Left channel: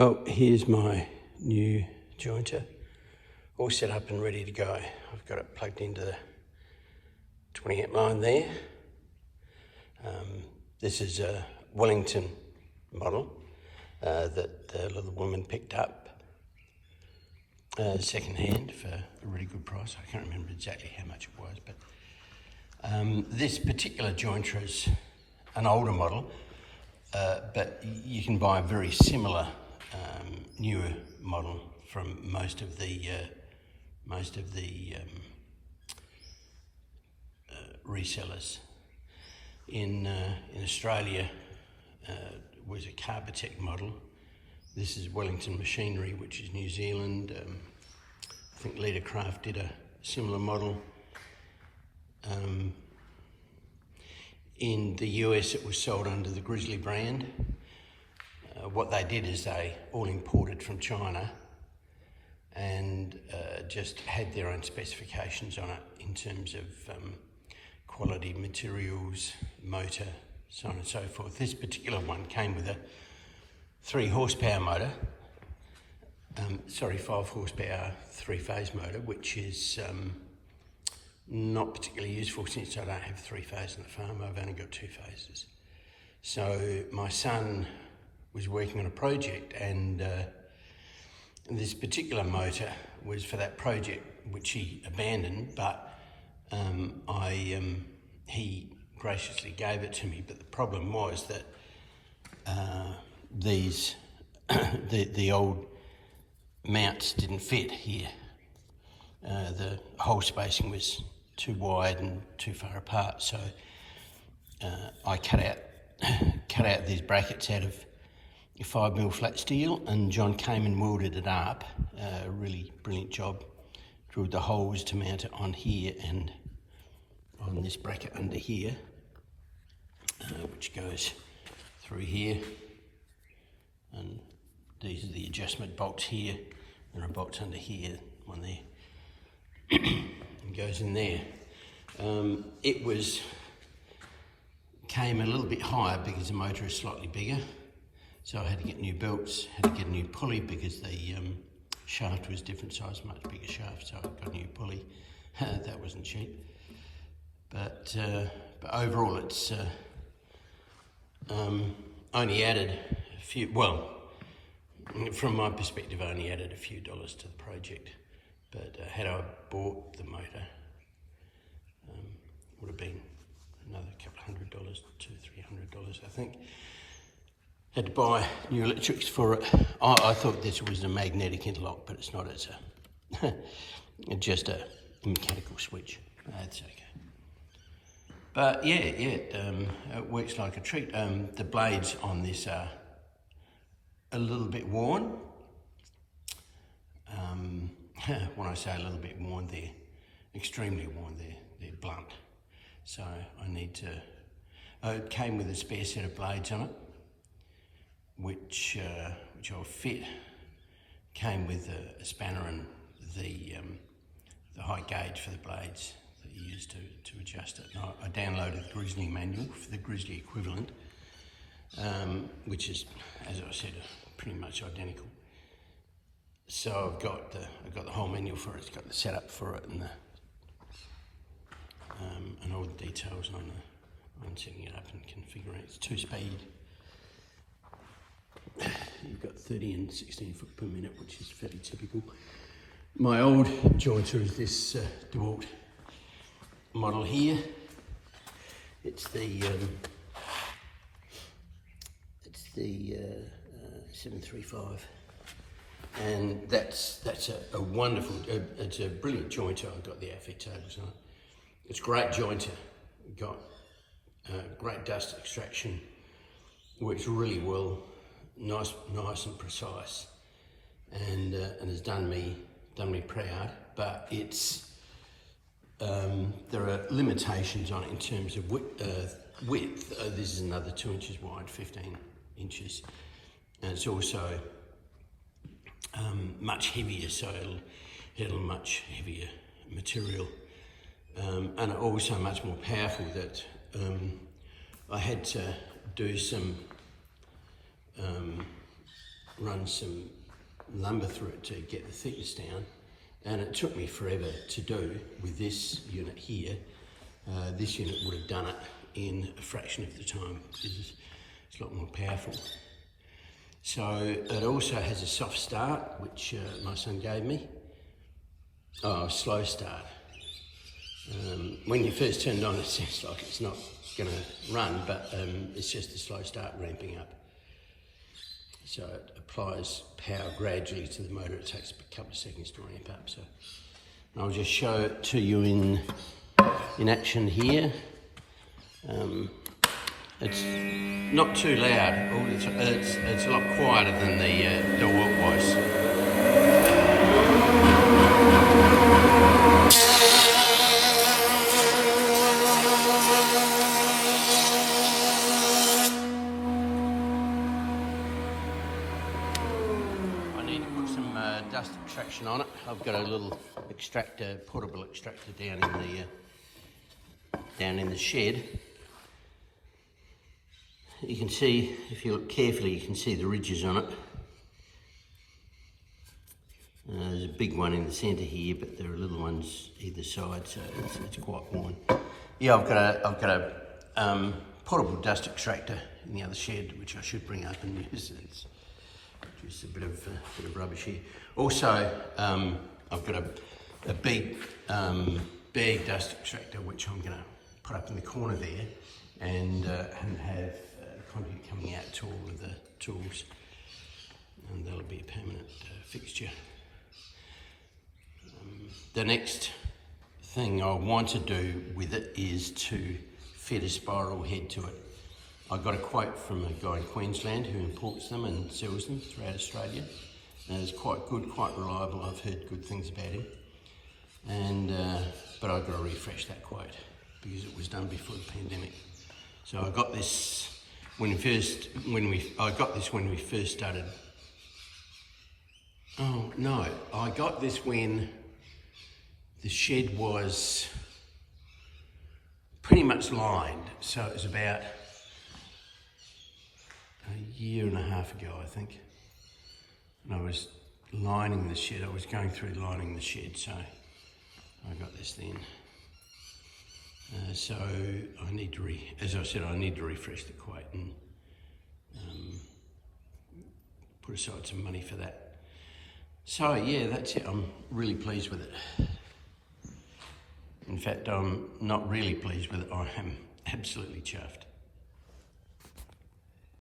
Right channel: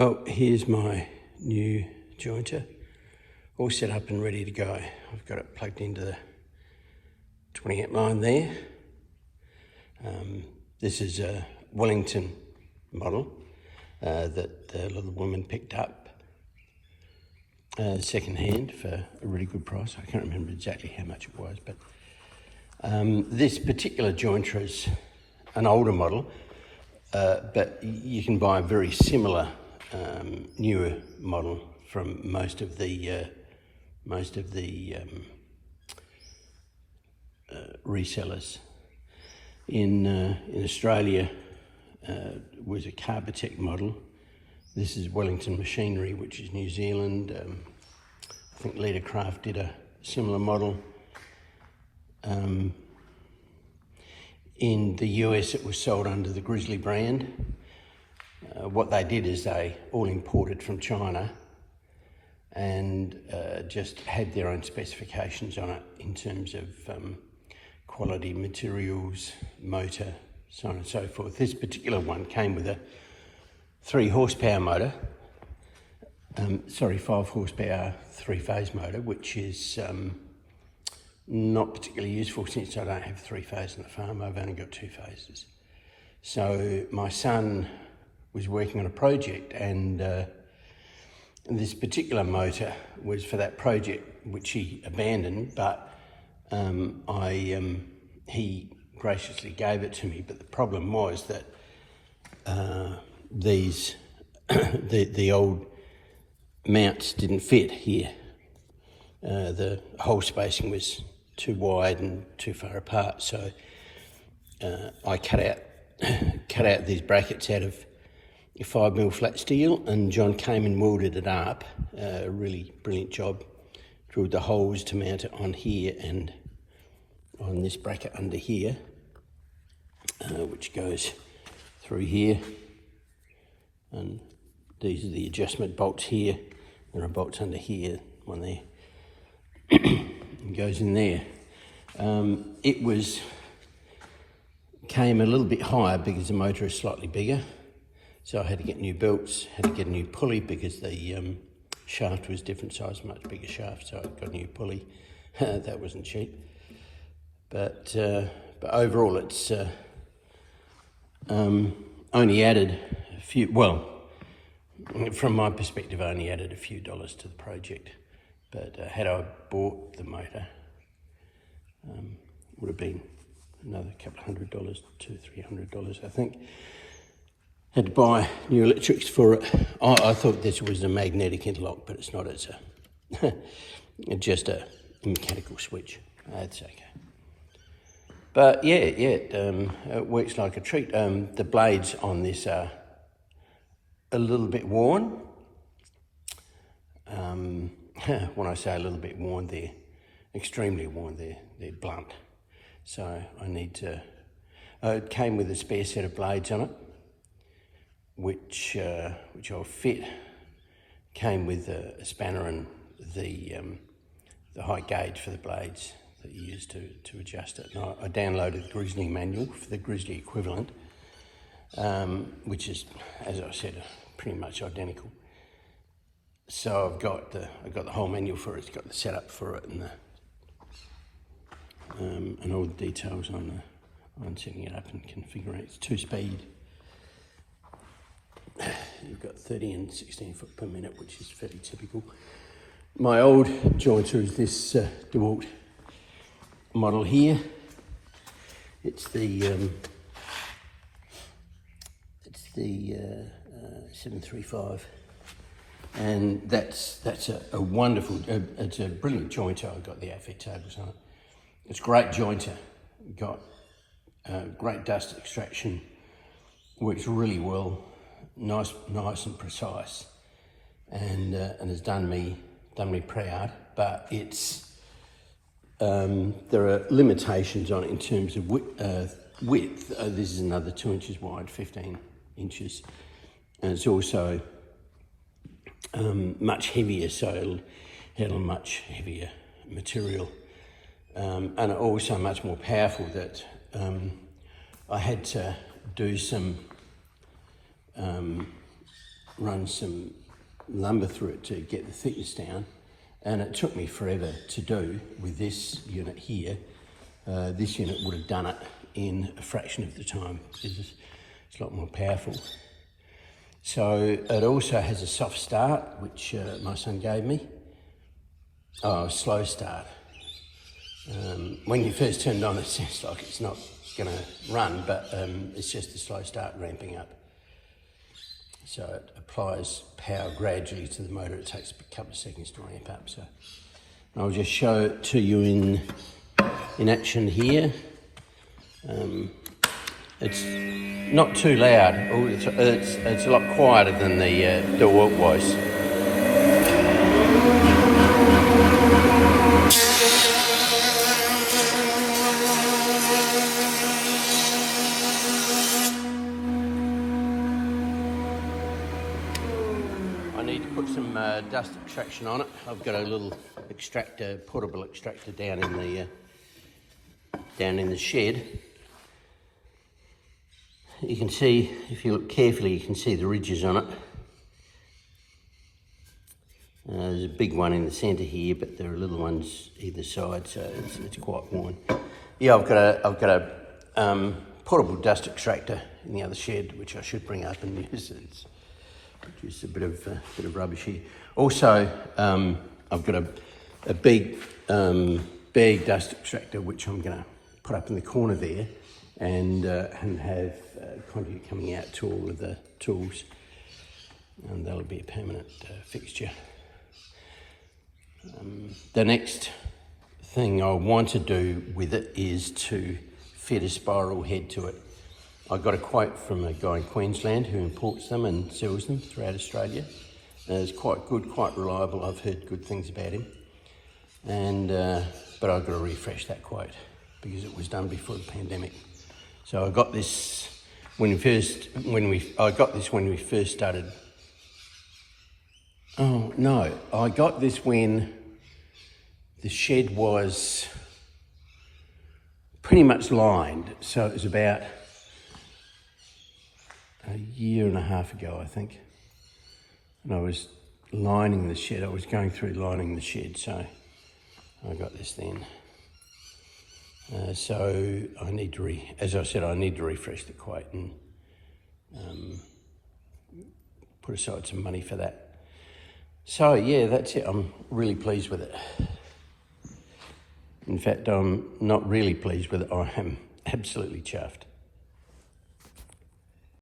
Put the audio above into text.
Well, here's my new jointer, all set up and ready to go. I've got it plugged into the 20 amp line there. This is a Wellington model that the little woman picked up second hand for a really good price. I can't remember exactly how much it was, but this particular jointer is an older model, but you can buy a very similar newer model from most of the resellers. In Australia was a Carbotech model. This is Wellington Machinery, which is New Zealand. I think Leadercraft did a similar model. In the US it was sold under the Grizzly brand. What they did is they all imported from China and just had their own specifications on it in terms of quality, materials, motor, so on and so forth. This particular one came with a 3 horsepower motor, 5 horsepower 3-phase motor, which is not particularly useful since I don't have 3 phases on the farm. I've only got 2 phases. So my son was working on a project, and this particular motor was for that project, which he abandoned, but he graciously gave it to me. But the problem was that the old mounts didn't fit here. The hole spacing was too wide and too far apart, so I cut out these brackets out of 5mm flat steel, and John came and welded it up. A really brilliant job. Drilled the holes to mount it on here and on this bracket under here, which goes through here, and these are the adjustment bolts here. There are bolts under here, one there, and goes in there. It came a little bit higher because the motor is slightly bigger, so I had to get new belts, had to get a new pulley because the shaft was different size, much bigger shaft, so I got a new pulley. That wasn't cheap, but overall it's only added a few, well, from my perspective, I only added a few dollars to the project. But had I bought the motor, would have been another couple $100, $200-300, I think. Had to buy new electrics for it. I thought this was a magnetic interlock, but it's not. It's just a mechanical switch. That's okay. But yeah, it works like a treat. The blades on this are a little bit worn. When I say a little bit worn, they're extremely worn. They're blunt. So I need to. It came with a spare set of blades on it, which I'll fit. Came with a spanner and the height gauge for the blades that you use to adjust it. And I downloaded the Grizzly manual for the Grizzly equivalent, which is, as I said, pretty much identical. So I've got the whole manual for it. It's got the setup for it and all the details on setting it up and configuring it. It's 2-speed. You've got 30 and 16 foot per minute, which is fairly typical. My old jointer is this DeWalt model here. It's the 735, and that's a wonderful. It's a brilliant jointer. I've got the outfit tables on it. It's a great jointer. Got great dust extraction. Works really well. Nice and precise, and has done me proud. But it's there are limitations on it in terms of width. This is another 2 inches wide, 15 inches, and it's also much heavier, so it'll handle much heavier material, and also much more powerful. That I had to do some run some lumber through it to get the thickness down, and it took me forever to do with this unit here. This unit would have done it in a fraction of the time because it's a lot more powerful. So it also has a soft start, which my son gave me. Oh, a slow start. When you first turn it on, it sounds like it's not going to run, but it's just a slow start ramping up. So it applies power gradually to the motor. It takes a couple of seconds to ramp up. So I'll just show it to you in action here. It's not too loud. It's a lot quieter than the DeWalt was. I need to put some dust extraction on it. I've got a little extractor, portable extractor down in the shed. You can see, if you look carefully, you can see the ridges on it. There's a big one in the centre here, but there are little ones either side, so it's quite worn. Yeah, I've got a portable dust extractor in the other shed, which I should bring up and use. It's produced a bit of rubbish here. Also, I've got a big bag dust extractor, which I'm going to put up in the corner there, and have conduit coming out to all of the tools, and that'll be a permanent fixture. The next thing I want to do with it is to fit a spiral head to it. I got a quote from a guy in Queensland who imports them and sells them throughout Australia. It's quite good, quite reliable. I've heard good things about him, and but I've got to refresh that quote because it was done before the pandemic. So I got this when we first started. Oh no, I got this when the shed was pretty much lined. So it was about a year and a half ago, I think. And I was lining the shed. I was going through lining the shed, so I got this then. So I need to as I said, I need to refresh the quote and put aside some money for that. So yeah, that's it. I'm really pleased with it. In fact, I'm not really pleased with it. I am absolutely chuffed.